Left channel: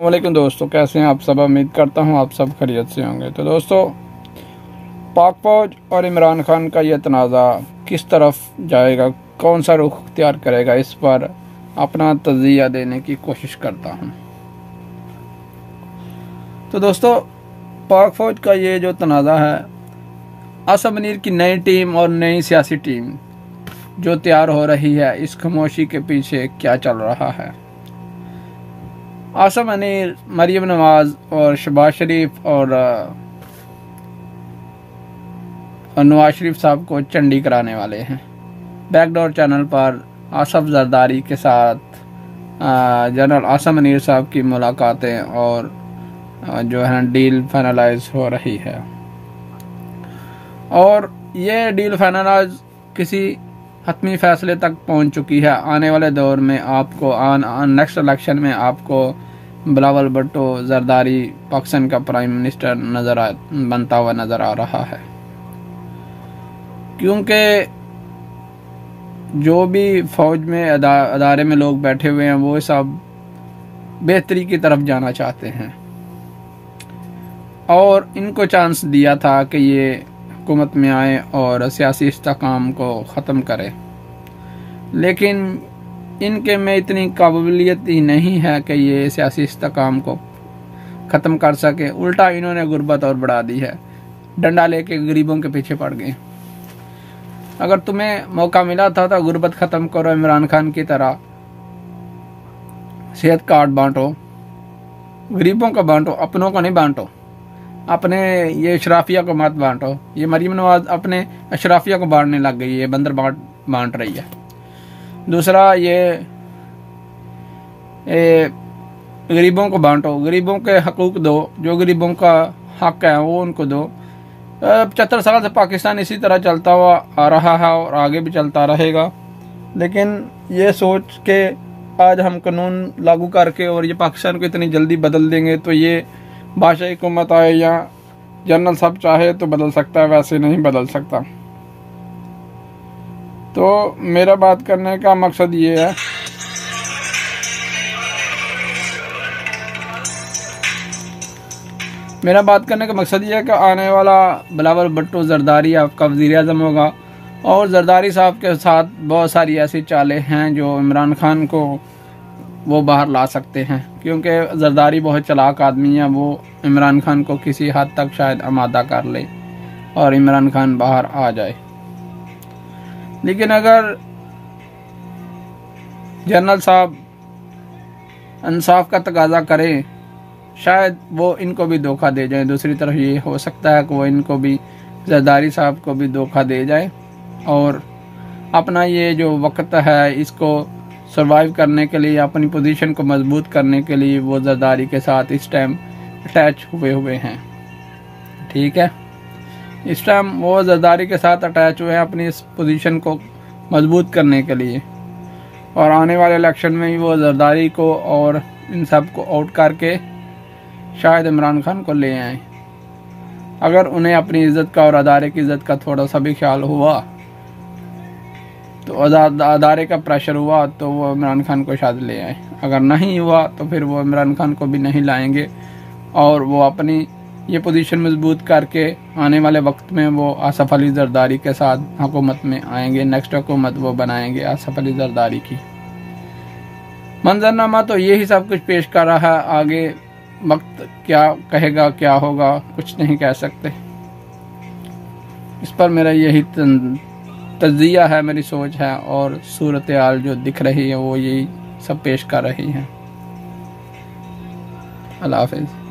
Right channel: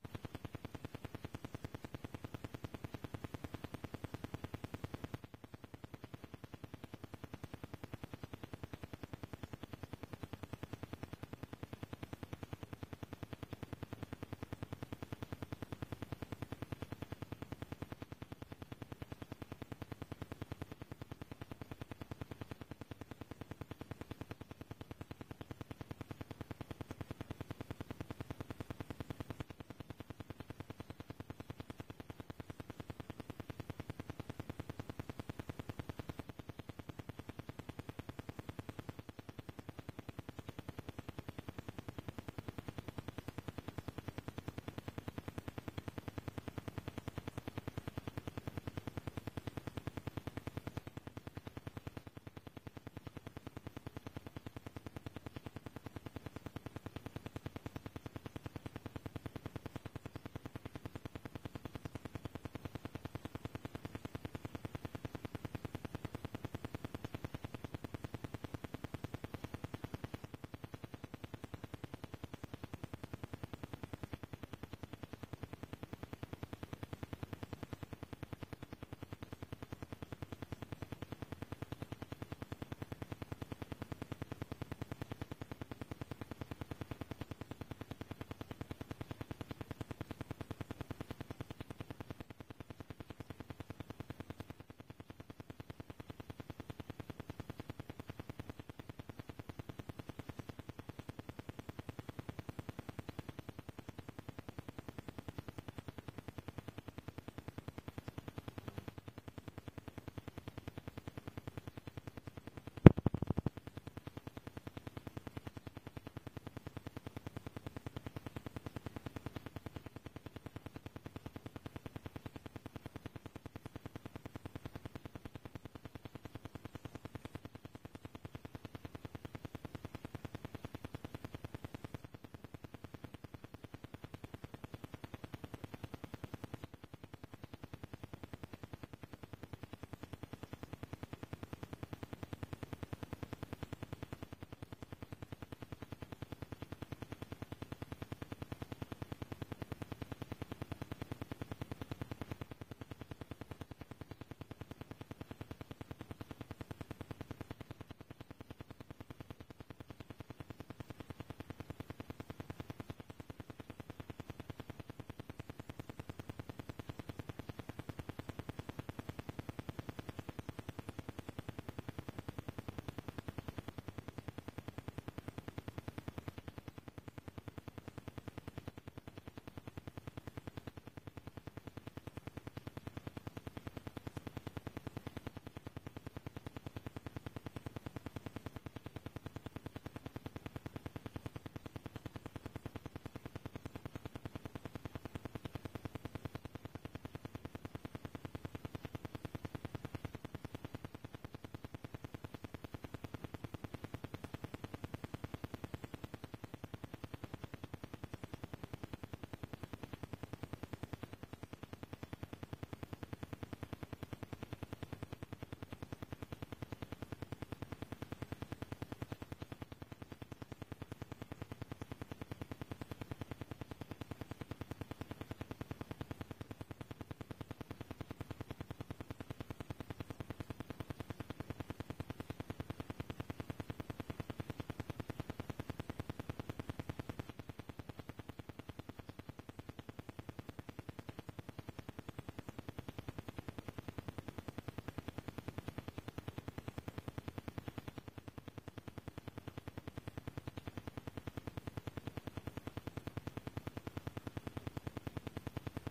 वालेकुम दोस्तों, कैसे हैं आप सब। उम्मीद करता हूं आप सब खैरियत से होंगे। तो दोस्तों, पाक फौज और इमरान खान का यह तनाज़ा किस तरफ जाएगा, कौन सा रुख इख्तियार करेगा, इस पर अपना तज़िया देने की कोशिश करता हूं। तो दोस्तों, पाक फौज का ये जो तनाज़ा है, आसिम मुनीर की नई टीम और नई सियासी टीम जो तैयार हो रही है, इस खामोशी के पीछे क्या चल रहा है। आसिम मुनीर मरीम नवाज़ और शहबाज शरीफ और नवाज शरीफ साहब को चंडी कराने वाले हैं। बैकडोर चैनल पर आसफ जरदारी के साथ जनरल आसिम मुनीर साहब की मुलाकातें और जो है डील फाइनलाइज हो रही है, और ये डील फाइनलाइज किसी हतमी फैसले तक पहुंच चुकी है। आने वाले दौर में आपको नेक्स्ट इलेक्शन में आपको बिलावल भुट्टो जरदारी पाकिस्तान का प्राइम मिनिस्टर बनता हुआ नज़र आ रहा है, क्योंकि जो भी फौज में अदारे में लोग बैठे हुए हैं वो सब बेहतरी की तरफ जाना चाहते हैं, और इनको चांस दिया था कि ये हुकूमत में आए और सियासी इस्तेहकाम को ख़त्म करें, लेकिन इनके में इतनी काबिलियत ही नहीं है कि ये सियासी इस्तेहकाम को ख़त्म कर सके। उल्टा इन्होंने गुर्बत और बढ़ा दी है, डंडा लेके गरीबों के पीछे पड़ गए। अगर तुम्हें मौका मिला था तो गुर्बत ख़त्म करो, इमरान खान की तरह सेहत कार्ड बांटो, गरीबों को बांटो, अपनों को नहीं बांटो। अपने ये अशराफिया को मत बांटो। ये मरीम नवाज अपने अशराफिया को बांटने लग गई है, बंदर बांट रही है। दूसरा, ये गरीबों को बांटो, गरीबों के हकूक़ दो, जो गरीबों का हक है वो उनको दो। 75 साल से पाकिस्तान इसी तरह चलता हुआ आ रहा है और आगे भी चलता रहेगा, लेकिन ये सोच के आज हम कानून लागू करके और ये पाकिस्तान को इतनी जल्दी बदल देंगे तो ये बादशाही हुकूमत आए या जनरल साहब चाहे तो बदल सकता है, वैसे नहीं बदल सकता। तो मेरा बात करने का मकसद ये है, कि आने वाला बिलावल भुट्टो जरदारी आपका वज़ीर-ए-आज़म होगा, और जरदारी साहब के साथ बहुत सारी ऐसी चालें हैं जो इमरान खान को वो बाहर ला सकते हैं, क्योंकि जरदारी बहुत चालाक आदमी है। वो इमरान खान को किसी हद तक शायद आमादा कर ले और इमरान खान बाहर आ जाए। लेकिन अगर जनरल साहब इंसाफ का तकाजा करें, शायद वो इनको भी धोखा दे जाए। दूसरी तरफ ये हो सकता है कि वो इनको भी, जरदारी साहब को भी धोखा दे जाए, और अपना ये जो वक्त है इसको सरवाइव करने के लिए, अपनी पोजीशन को मजबूत करने के लिए वो जरदारी के साथ इस टाइम अटैच हुए हैं। ठीक है, इस टाइम वो जरदारी के साथ अटैच हुए हैं अपनी इस पोजीशन को मजबूत करने के लिए, और आने वाले इलेक्शन में भी वो जरदारी को और इन सब को आउट करके शायद इमरान खान को ले आए। अगर उन्हें अपनी इज़्ज़त का और अदारे की इज़्ज़त का थोड़ा सा भी ख्याल हुआ, तो अदारे का प्रेशर हुआ तो वो इमरान खान को शायद ले आए। अगर नहीं हुआ तो फिर वो इमरान खान को भी नहीं लाएंगे, और वो अपनी ये पोजीशन मजबूत करके आने वाले वक्त में वो आसफ अली जरदारी के साथ हुकूमत में आएंगे। नेक्स्ट हुकूमत वो बनाएंगे आसफ अली जरदारी की। मंजरनामा तो यही सब कुछ पेश कर रहा है, आगे वक्त क्या कहेगा, क्या होगा, कुछ नहीं कह सकते। इस पर मेरा यही तज़िया है, मेरी सोच है, और सूरत हाल जो दिख रही है वो यही सब पेश कर रही हैं। अल्लाह हाफ़िज़।